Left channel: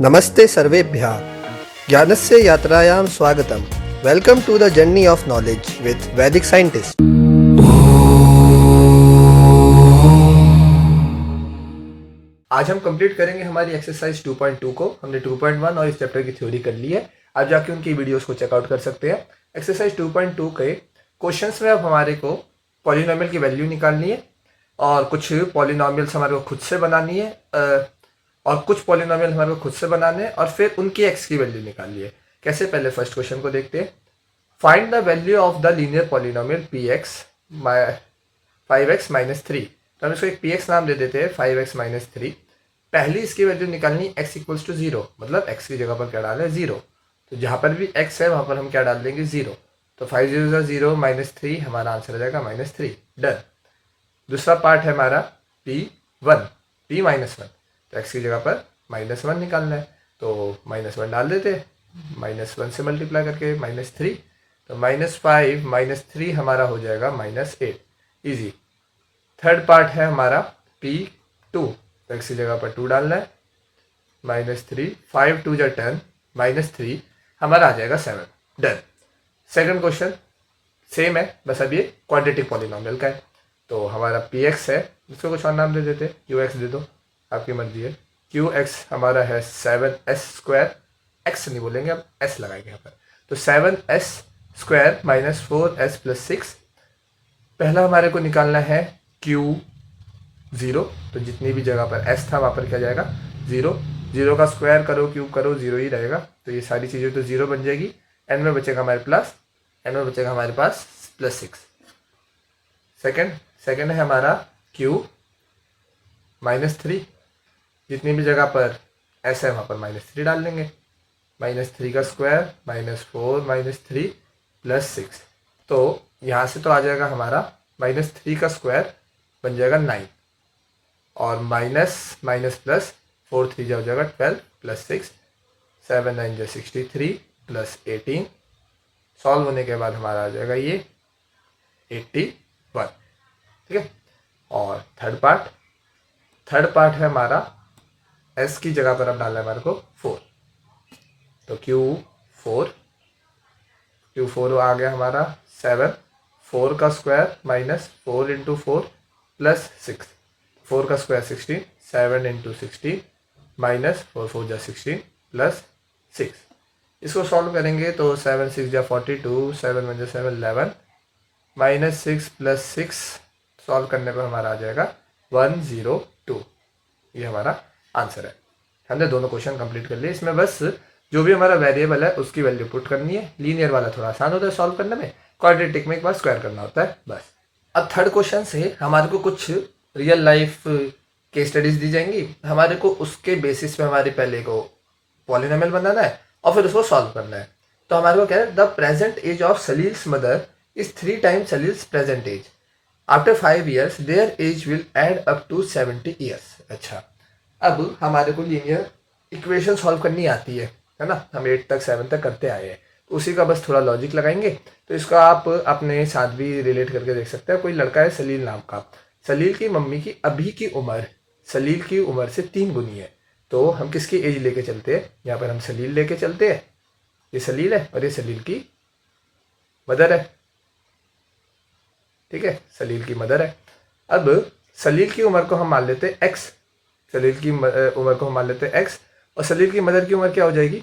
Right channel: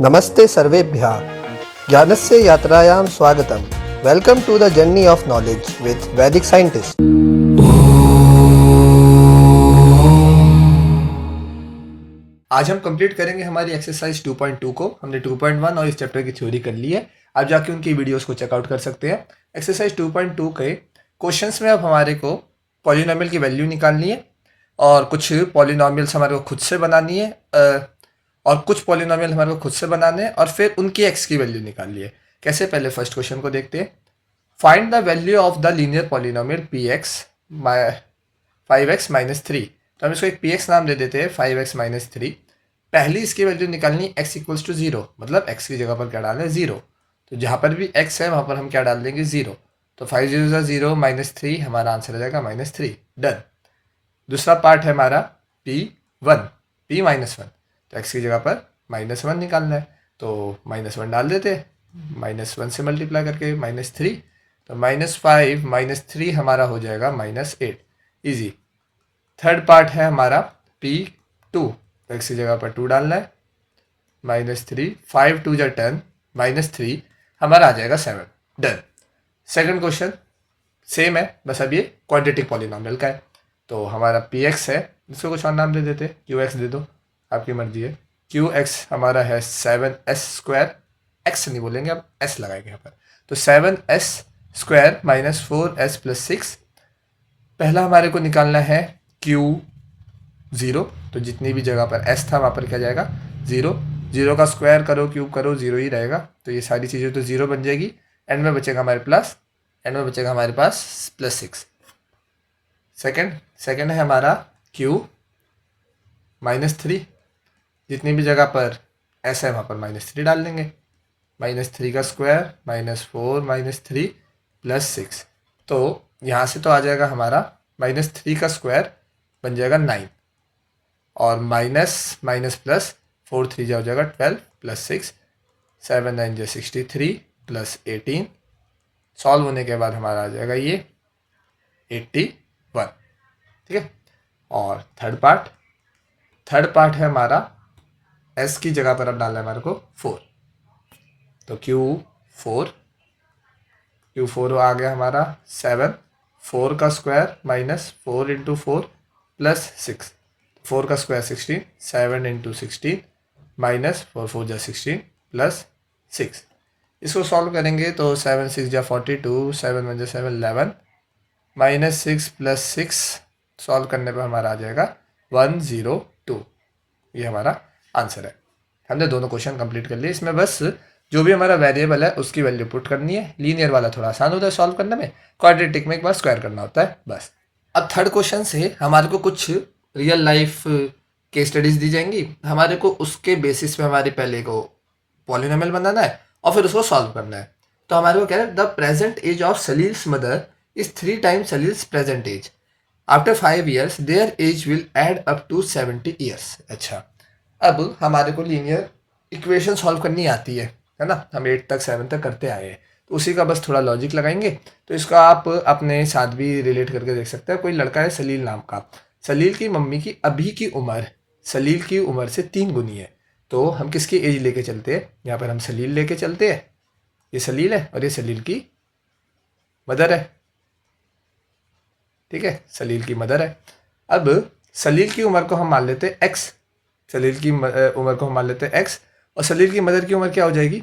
नमस्ते सर्वेभ्यः ज्ञानस्य यात्रायां स्वागतम। Welcome to the journey of knowledge with Vedic scientist. आज हम कंप्लीट करेंगे हमारी एक्सरसाइज 2.2 को। हमने 2.1 और इस चैप्टर की थ्योरी कर ली है। आप जाके उनकी वीडियोस को चेकआउट कर सकते हैं। एक्सरसाइज 2.2 के क्वेश्चंस में अब हमारे को पॉलिनोमियल की वैल्यू निकालनी है और कुछ पॉलिनोमियल्स हमारे को खुद से बनानी है और कुछ पॉलिनोमियल हमारे को खुद से बनाने हैं और फिर उनकी एक्स की वैल्यू निकालनी है। कैसे, पहले फर्स्ट क्वेश्चन को देखते हैं। Find the value of the linear polynomial P x 5x minus 3। तो हम इसको एक पी एक्स नाम दे देते हैं, 5x माइनस 3। पहली इसकी वैल्यू निकालनी x इक्वल्स टू 0, मतलब x की जगह पर क्या डालें 0। तो जहाँ पर भी x है वहाँ पर हम क्या डाल देंगे 0। तो 5 0 0 माइनस 3, हमारा आंसर हो जाएगा -3। डन। दूसरा पार्ट है हमारा p1 p माइनस 1। तो x की जगह पर -1 निकालना है, तो -1 डाल देते, -1 से मल्टीप्लाई करके -3। तो -5 -3 हमारा हो जाएगा -8। इजी। थर्ड पार्ट है हमारा p2। तो x की जगह पर 2 डालना है, -3, 5 2 जा 10, -3 हमारा आ जाएगा 7। डन। सेकंड क्वेश्चन सेम है, बस अब ये क्वाड्रेटिक पॉलिनोमियल का है। तो हमारा px है, इसको कुछ और नाम दे देते, qx दे दो, आपकी मर्जी है। qx हमारा है 7s², x नहीं बोलेंगे, अब s लगाएंगे यहाँ पर। तो 7s² माइनस 4s प्लस 6। पहला हमारे को निकालना है q0। तो जितनी भी जगह पर s था वहाँ पर क्या जाएगा 0। 0 का स्क्वायर करो, क्यूब करो, 0 ही रहेगा। तो ये सारी चीज़ें तो 0 बन जाएगी। एंड में बचेगा हमारे प्लस, एंड में बचेगा हमारे पास +6। सेकंड है हमारा q -3। जितनी भी जगह पर s है वहाँ पर -3 डाल देंगे। -3 का स्क्वायर -4 -3 प्लस 6। तो यहाँ से तो आ जाएगा हमारा -3 का स्क्वायर बन जाएगा 9 और माइनस माइनस प्लस 4 3 जा हो जाएगा 12 प्लस 6 7 9 जा 63 प्लस 18। सॉल्व होने के बाद हमारा आ जाएगा ये 81। ठीक है। और थर्ड पार्ट है हमारा s की जगह पर अब डालना है हमारे को 4। तो Q4 आ गया हमारा 7। 4 का स्क्वायर -4 × 4 प्लस 6। 4 का स्क्वायर 16, 7 × 16 -4 4 जा 16 प्लस 6। इसको सॉल्व करेंगे तो 7 6 जा 42, 7 1 जा 7 11 -6 प्लस 6। सॉल्व करने पर हमारा आ जाएगा 102। ये हमारा आंसर है। हमने दोनों क्वेश्चन कंप्लीट कर लिए। इसमें बस जो भी हमारा वेरिएबल है उसकी वैल्यू पुट करनी है। लीनियर वाला थोड़ा आसान होता है सॉल्व करने में, क्वाड्रेटिक में एक बार स्क्वायर करना होता है बस। अब थर्ड क्वेश्चन से हमारे को कुछ रियल लाइफ केस स्टडीज दी जाएंगी। हमारे को उसके बेसिस पे हमारे पहले को पॉलिनोमियल बनाना है और फिर उसको सॉल्व करना है। तो हमारे को क्या है, the present age of Salil's mother is 3 times Salil's present age. After 5 years their age will add up to 70 years। अच्छा, अब हमारे को लीनियर इक्वेशन सॉल्व करनी आती है ना, हम 8 तक 7 तक करते आए हैं। तो उसी का बस थोड़ा लॉजिक लगाएंगे। तो इसका आप अपने साथ भी रिलेट करके देख सकते हैं। कोई लड़का है सलील नाम का, सलील की मम्मी की अभी की उम्र सलील की उम्र से 3 गुनी है। तो हम किसकी एज लेके चलते हैं, यहाँ पर हम सलील लेके चलते हैं। ये सलील है और ये सलील की मदर है। ठीक है, सलील की मदर है। अब सलील की उम्र को हम मान लेते हैं x, सलील की उम्र को हम मान लेते हैं x, और सलील की मदर की उम्र क्या हो जाएगी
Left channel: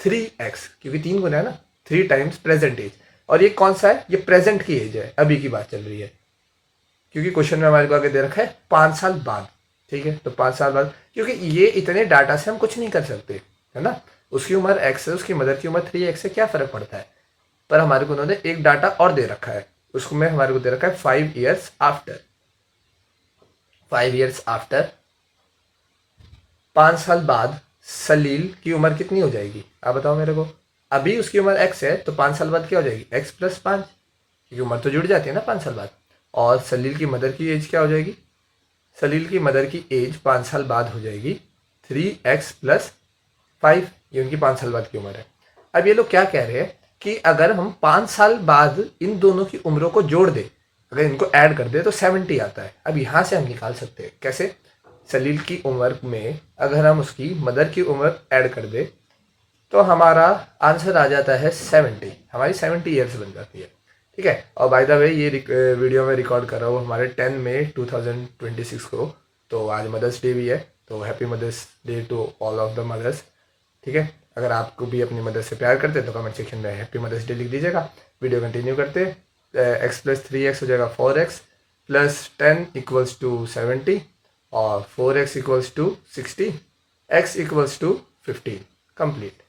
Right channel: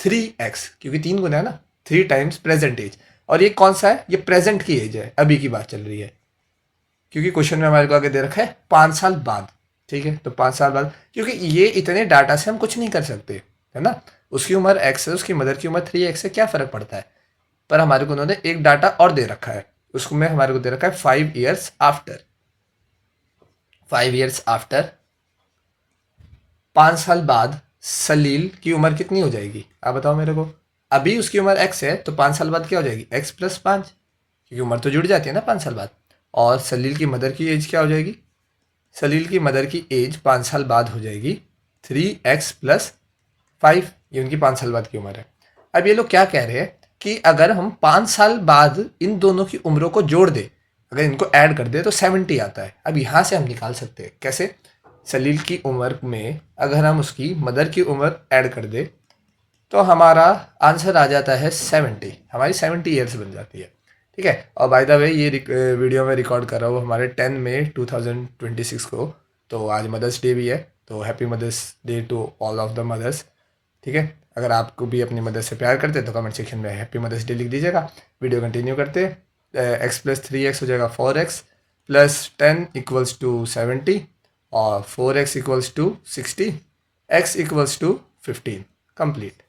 3x, क्योंकि 3 गुना है ना, 3 टाइम्स प्रेजेंट एज। और ये कौन सा है, ये प्रेजेंट की एज है, अभी की बात चल रही है। क्योंकि क्वेश्चन में हमारे को आगे दे रखा है 5 साल बाद। ठीक है, तो 5 साल बाद, क्योंकि ये इतने डाटा से हम कुछ नहीं कर सकते है ना। उसकी उम्र x है, उसकी मदर की उम्र 3x है, क्या फ़र्क पड़ता है। पर हमारे को उन्होंने एक डाटा और दे रखा है, उसमें हमारे को दे रखा है 5 years आफ्टर। 5 years आफ्टर, 5 साल बाद सलील की उम्र कितनी हो जाएगी, आप बताओ मेरे को। अभी उसकी उम्र x है, तो 5 साल बाद क्या हो जाएगी x + 5, क्योंकि उम्र तो जुड़ जाती है ना 5 साल बाद। और सलील की मदर की एज क्या हो जाएगी, सलील की मदर की एज 5 साल बाद हो जाएगी 3x + 5। ये उनकी 5 साल बाद की उम्र है। अब ये लोग क्या कह रहे हैं कि अगर हम 5 साल बाद इन दोनों की उम्रों को जोड़ दें, अगर इनको ऐड कर दे तो 70 आता है। अब यहाँ से हम निकाल सकते हैं, कैसे। सलील की उम्र में अगर हम उसकी मदर की उम्र ऐड कर दे तो हमारा आंसर आ जाता है 70, हमारी 70 ईयर्स बन जाती है। ठीक है। और बाय द वे ये वीडियो में रिकॉर्ड कर रहा हूँ हमारे 10 मई 2026 को, तो आज मदर्स डे भी है, तो happy mother's day to all of the mothers. ठीक है। अगर आपको भी अपनी मदर से प्यार करते हैं तो कमेंट सेक्शन में हैप्पी मदर्स डे लिख दीजिएगा। वीडियो कंटिन्यू करते एक्स प्लस 3x हो जाएगा 4x प्लस 10 इक्वल्स टू 70 और 4x equals to 60, x equals to 15। Complete.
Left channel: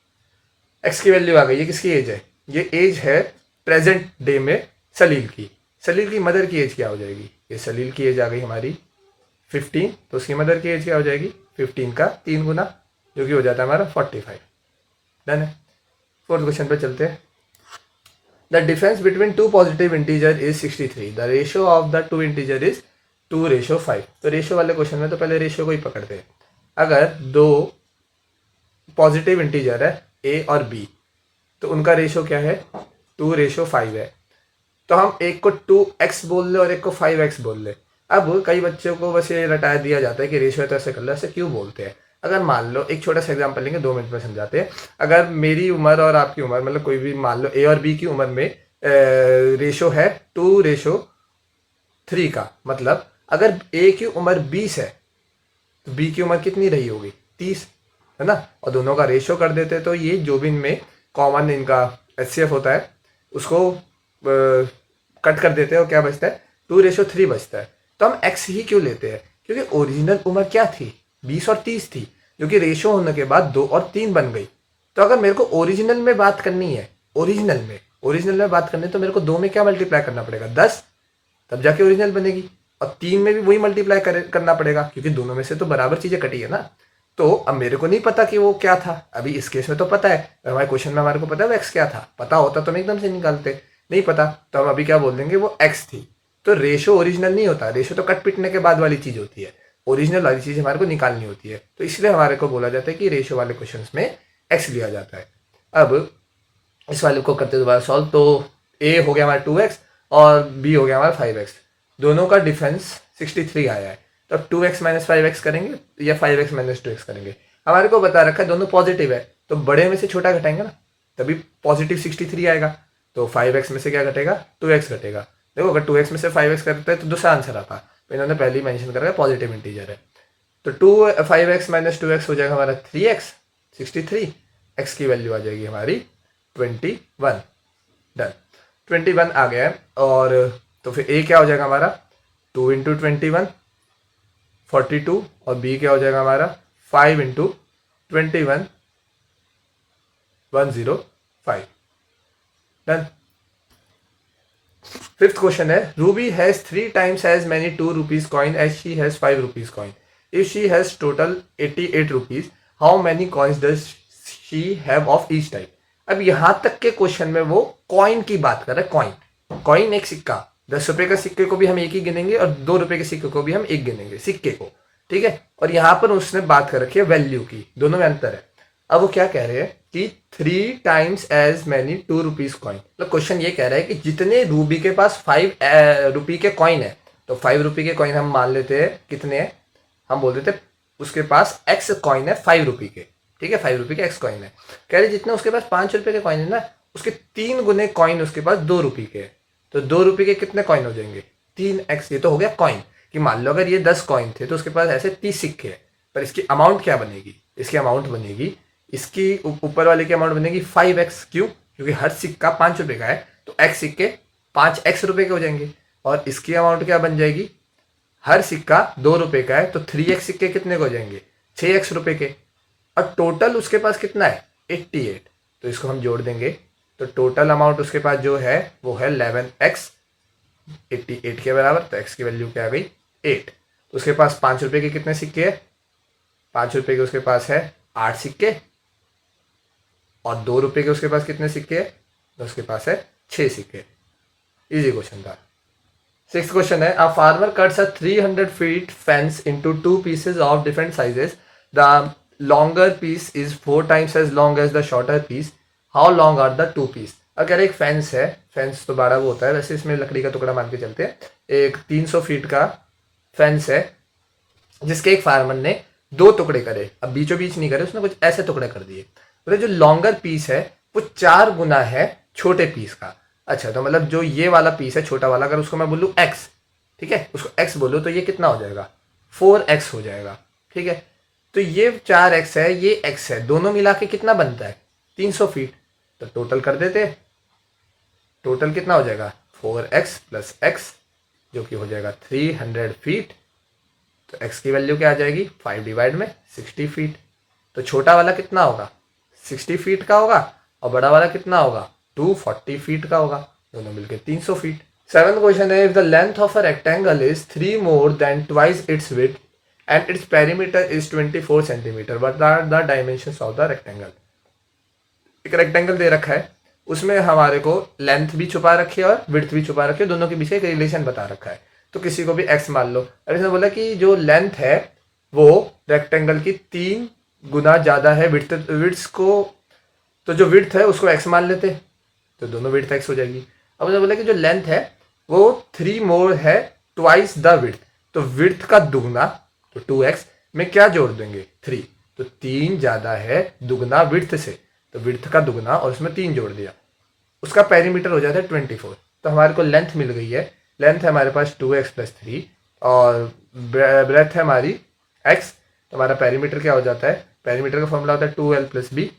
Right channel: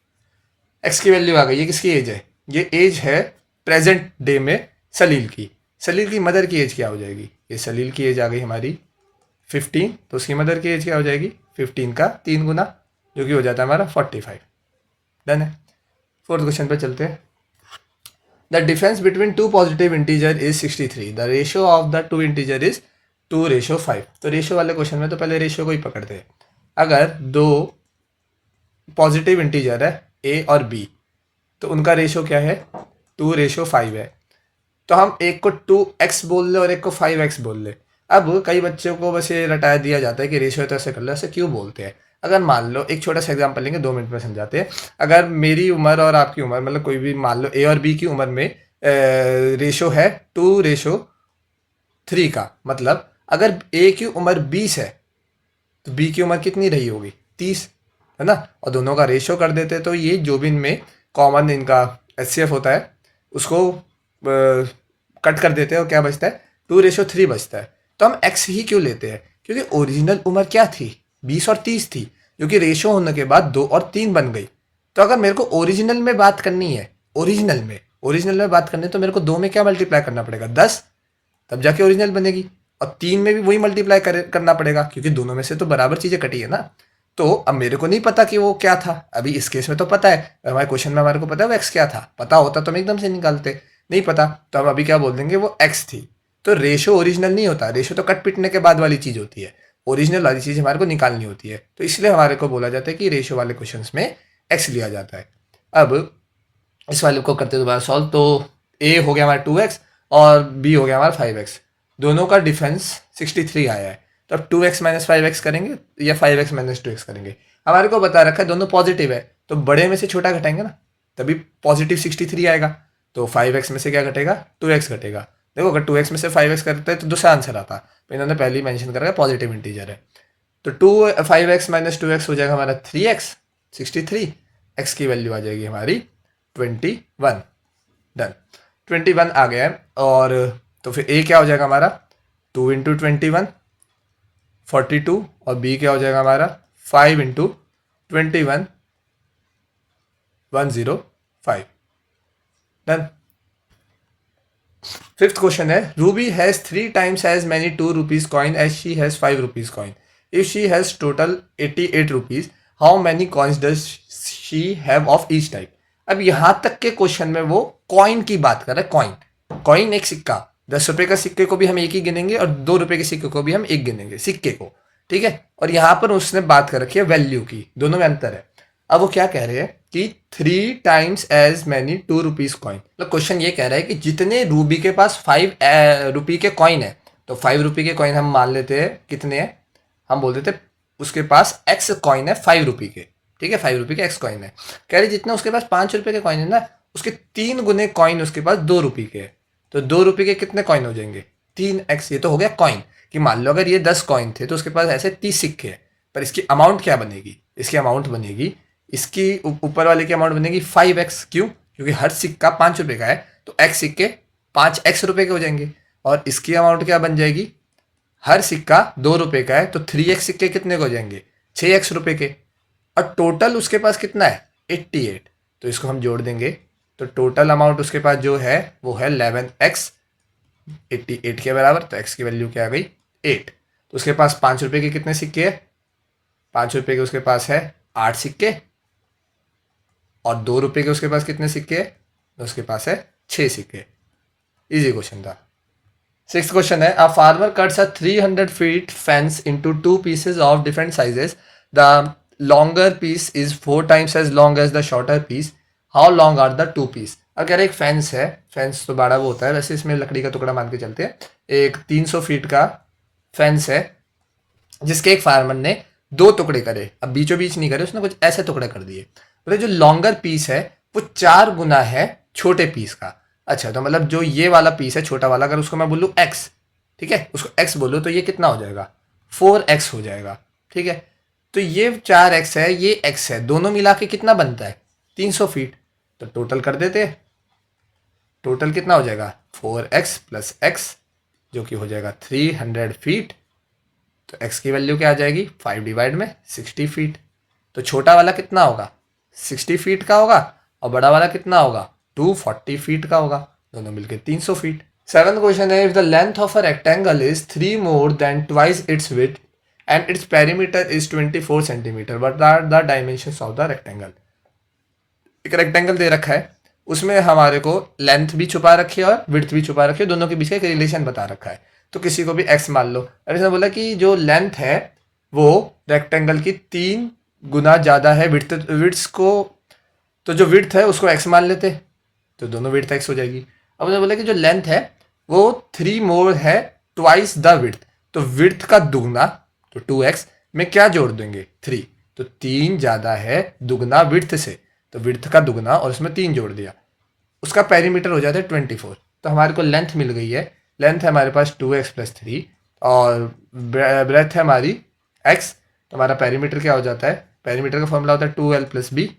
X की वैल्यू आ गई। ये किसकी एज है? ये एज है प्रेजेंट डे में सलील की। सलील की मदर की एज क्या हो जाएगी? ये सलील की एज आ गई हमारी 15, तो उसकी मदर की एज क्या हो जाएगी? 15 का 3 गुना, जो कि हो जाता है हमारा 45। डन है। फोर्थ क्वेश्चन पे चलते हैं। The difference between two positive integer is 63। The ratio of the two integer is 2:5। तो रेशियो वाले क्वेश्चन में तो पहले रेशियो को ही पकड़ते हैं। अगर दो पॉजिटिव इंटीजर है ए और बी, तो उनका रेशियो क्या है? 2:5 है। तो हम एक को 2x बोल ले और एक को 5x बोल ले। अब कई बच्चों को बस ये रटाया दिया जाता है कि रेशियो है तो ऐसे कर लो, ऐसे क्यों बोलते हैं? अगर मान लो एक छोटा सा एग्जांपल लेंगे, 2 मिनट में समझाते हैं। अगर मेरी उम्र और आपकी उम्र, मतलब कोई भी मान लो ए और बी की उम्र में रेशियो है 2:3 का, मतलब अगर ए की उम्र 20 है तो बी की उम्र कितनी रही होगी? 30, है ना। और दोनों का रेशियो कर देते तो ये जो भी इनमें कॉमन इनका HCF होता है उसको कट कर देते हैं और क्या बचता है? 2:3 बचता है। तो हम एक्स ही क्यों लेते हैं? क्योंकि ओरिजिनल उम्र क्या थी? 20 और 30 थी, जो कि रेशियो होने के बाद 2 और 3 बन गई। तो अगर मेरे को ओरिजिनल में बात करनी है, ओरिजिनल में बात करनी है, तो मेरे को 2 में क्या मल्टीप्लाई करना पड़ेगा? 10, तब जाके ओरिजिनल बनेगी। और 3 में भी वही मल्टीप्लाई करना पड़ेगा, क्योंकि दोनों में से तो बराबर चीज़ें कटी है ना। तो अब मेरे को नहीं पता कि वो क्या था। अभी इस केस में तो पता है, हमारे क्वेश्चन में हमारे को पता है वो एक्स क्या था। पता होता तो हम एकदम से निकालते, नहीं पता तो हम अभी क्या बोल देंगे? वो एक्स थी। तो रेशो ओरिजिनल नहीं होता, रेशो तो कट पिटने के बाद वाली चीज़ होती है। ओरिजिनल वाली चीज़ हमारे को निकालनी होती है, तो इसलिए हमारे को बोला जाता है कि रेशो वाले क्वेश्चन में एक्स लिया जाता है। अब इस वाले को करते दोबारा सॉल्व, तो ए हो गया हमारा 2x और बी हो गया हमारा 5x। दोनों का डिफरेंस 63 आया है। तो अब 2x माइनस 5x करेंगे या 5x माइनस 2x करेंगे? हमारे को बता रखा है दोनों पॉजिटिव है, तो बड़े में से छोटा घटाएंगे ना, तभी पॉजिटिव 63 आएगा। तो 5x में से क्या घटेगा? 2x घटेगा। देखो अगर 2x में से 5x करते हैं तो दूसरा आंसर आता। तो इन्होंने पहले ही मैंशन करा है पॉजिटिव इंटीजर है। तो 5x माइनस 2x हो जाएगा हमारा 3x 63। x की वैल्यू आ जाएगी हमारी 21। डन। 21 आ गया है। और तो फिर ए क्या हो जाएगा हमारा? 2 इंटू 21 42, और बी क्या हो जाएगा हमारा? 5 इंटू 21 105। डन। फिफ्थ क्वेश्चन है, Ruby has 3 times as many 2 rupees coin as she has 5 rupees coin. If she has total 88 rupees, how many coins does she have of each type? अब यहां तक के question में वो coin की बात कर रहा है। कॉइन, कॉइन एक सिक्का। 10 रुपए का सिक्के को भी हम एक ही गिनेंगे और 2 रुपए के सिक्के को भी हम एक गिनेंगे, सिक्के को। ठीक है। और यहाँ पर उसने बात कर रखी है वैल्यू की, दोनों में अंतर है। अब वो क्या कह रहे हैं कि 3 times as many 2 rupees coin. मतलब क्वेश्चन ये कह रहा है कि जितने रूबी के पास 5 रुपये के कॉइन है, तो 5 रुपये के कॉइन हम मान लेते हैं कितने हैं? हम बोल देते उसके पास एक्स कॉइन है 5 रुपये के। ठीक है, 5 रुपये के एक्स कॉइन है। कह रहे जितने उसके पास 5 रुपये के कॉइन है ना, उसके 3 गुने कॉइन उसके पास 2 रुपये के है। तो 2 रुपये के कितने कॉइन हो जाएंगे? 3x। ये तो हो गया कॉइन। कि मान लो अगर ये 10 कॉइन थे तो उसके पास ऐसे 30 सिक्के हैं, पर इसकी अमाउंट क्या बनेगी? इसकी अमाउंट बनेगी, इसकी ऊपर वाले की अमाउंट बनेगी 5x। क्यों? क्योंकि हर सिक्का 5 रुपये का है, तो x सिक्के 5x रुपये के हो जाएंगे। और इसकी अमाउंट क्या बन जाएगी? हर सिक्का 2 रुपये का है, तो 3x सिक्के कितने के हो जाएंगे? 6x रुपये के। और टोटल उसके पास कितना है? 88। तो इसको हम जोड़ देंगे, तो टोटल अमाउंट उसके पास जो है वो है 11x 88 के बराबर। तो x की वैल्यू क्या आ गई? 8। तो उसके पास 5 रुपये के कितने सिक्के है? 5 रुपये के उसके पास है 8 सिक्के। और 2 रुपये के उसके पास कितने सिक्के है? तो उसके पास है 6 सिक्के। इजी क्वेश्चन था। सिक्स्थ क्वेश्चन है, a farmer cuts a 300 feet fence into 2 pieces of different sizes. The longer piece is 4 times as long as the shorter piece. How long are the 2 piece? अगर एक fence है, fence तो बड़ा वो होता है, वैसे इसमें लकड़ी का टुकड़ा मान के चलते हैं। एक 300 फीट का फेंस है, जिसके एक फार्मर ने 2 टुकड़े करे, अब बीचों बीच नहीं करे, उसने कुछ ऐसे टुकड़े कर दिए। तो जो लॉन्गर पीस है वो 4 गुना है छोटे पीस का। अच्छा, तो मतलब जो ये वाला पीस है छोटा वाला, अगर उसको मैं बोलूँ एक्स, ठीक है, उसको एक्स बोलो तो ये कितना हो जाएगा, 4x हो जाएगा। ठीक है, तो ये 4x है, ये x है, दोनों मिला के कितना बनता है, 300 फीट। तो टोटल कर देते, टोटल कितना हो जाएगा, 4x प्लस x, जो कि हो जाएगा 300 फीट। तो x की वैल्यू क्या आ जाएगी, 5 डिवाइड में 60 फीट। तो छोटा वाला कितना होगा, 60 फीट का होगा, और बड़ा वाला कितना होगा, 240 फीट का होगा, दोनों मिलकर 300 फीट। सेवंथ क्वेश्चन है, if the length of a rectangle is 3 more than twice its width and its perimeter is 24 centimeter, what are the dimensions of the rectangle. एक रेक्टेंगल दे रखा है, उसमें हमारे को लेंथ भी छुपा रखी है और विड्थ भी छुपा रखी है, दोनों के बीच का एक रिलेशन बता रखा है। तो किसी को भी x मान लो, और इसने बोला कि जो लेंथ है वो रेक्टेंगल की 3 गुना ज़्यादा है विड्थ को, तो जो विड्थ है उसको x मान लेते, तो दोनों विड्थ x हो जाएगी। अब उसने बोला कि जो लेंथ है वो 3 मोर है ट्वाइस द विड्थ, तो विड्थ का दुगना, तो 2x में क्या जोड़ देंगे, 3, तो 3 ज़्यादा है दुगना विड्थ से, तो विड्थ का दुगना और उसमें 3 जोड़ दिया, उसका पेरीमीटर हो जाता है 24। तो हमारे को लेंथ मिल गई है, लेंथ है हमारे पास 2x प्लस 3 और ब्रेथ है हमारी x, तो हमारा पेरीमीटर क्या हो जाता है, पेरीमीटर का फॉर्मूला होता है 2l plus B.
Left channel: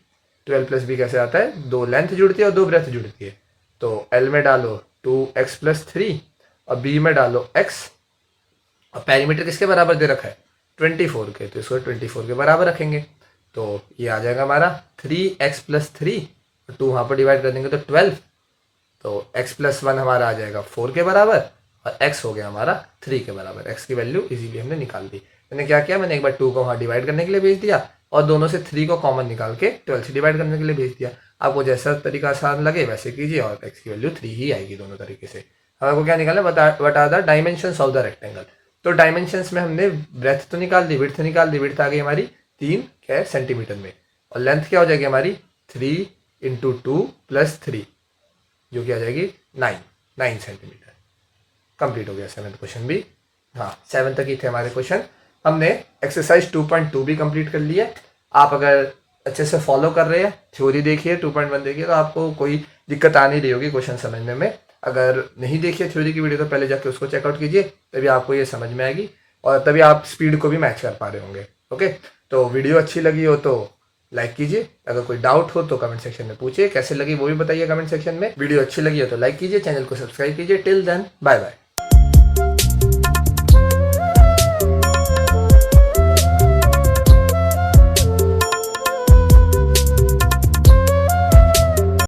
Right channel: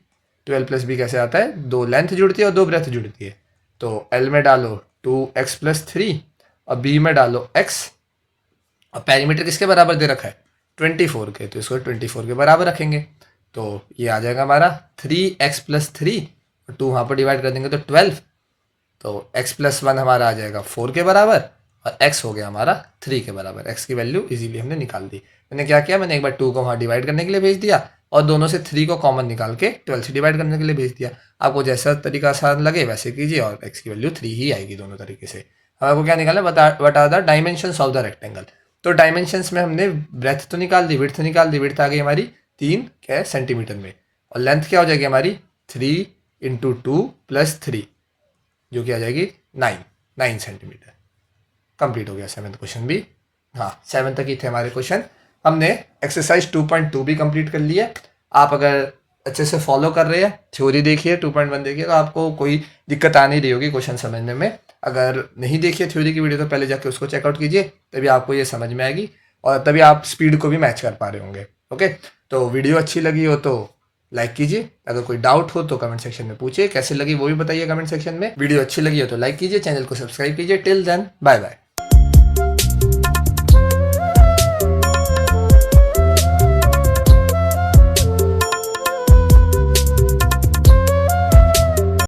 2l plus B कैसे आता है, 2 लेंथ जुड़ती है और 2 ब्रेथ जुड़ती है, तो l में डालो 2x प्लस 3 और b में डालो x, और पेरीमीटर किसके बराबर दे रखा है, 24 के, तो इसको 24 के बराबर रखेंगे, तो ये आ जाएगा हमारा 3x प्लस 3, 2 वहाँ पर डिवाइड कर देंगे तो 12, तो x प्लस 1 हमारा आ जाएगा 4 के बराबर, और x हो गया हमारा 3 के बराबर। x की वैल्यू इजीली हमने निकाल दी। मैंने क्या किया, मैंने एक बार 2 को वहाँ डिवाइड करने के लिए भेज दिया और दोनों से 3 को कॉमन निकाल के 12 से डिवाइड करने के लिए भेज दिया। आपको जैसा तरीका आसान लगे वैसे कीजिए, और x की वैल्यू 3 ही आएगी दोनों तरीके से। अब आपको क्या निकालना, what are the dimensions of the rectangle. तो डायमेंशंस में हमने ब्रेथ तो निकाल दी, विड्थ निकाल दी, विड्थ आ गई हमारी 3 क्या है सेंटीमीटर में, और लेंथ क्या हो जाएगी हमारी 3 इंटू 2 प्लस 3, जो कि आ जाएगी 9 सेंटीमीटर। कंप्लीट हो गया 7th क्वेश्चन भी। हाँ, 7 तक ही थे हमारे क्वेश्चन। हमने एक्सरसाइज 2.2 भी कंप्लीट कर लिया। आप अगर अच्छे से फॉलो कर रहे हैं, थ्योरी देखिए, 2.1 देखिए, तो आपको कोई दिक्कत आ नहीं रही होगी क्वेश्चन समझने में। अगर नहीं देखिए थ्योरी की वीडियो तो पहले जाके उसको चेकआउट कीजिए, तभी आपको ये समझ में आएगी और तभी आप स्पीड को भी मैच कर पा रहे होंगे। ओके, तो वीडियो अच्छी लगी हो तो लाइक कीजिए, अगर कोई डाउट हो तो कमेंट सेक्शन में पूछिए, कैसे लगी वो भी बताइए कमेंट सेक्शन में। वीडियो अच्छी लगी हो तो लाइक कीजिए, चैनल को सब्सक्राइब कीजिए। Till then bye bye.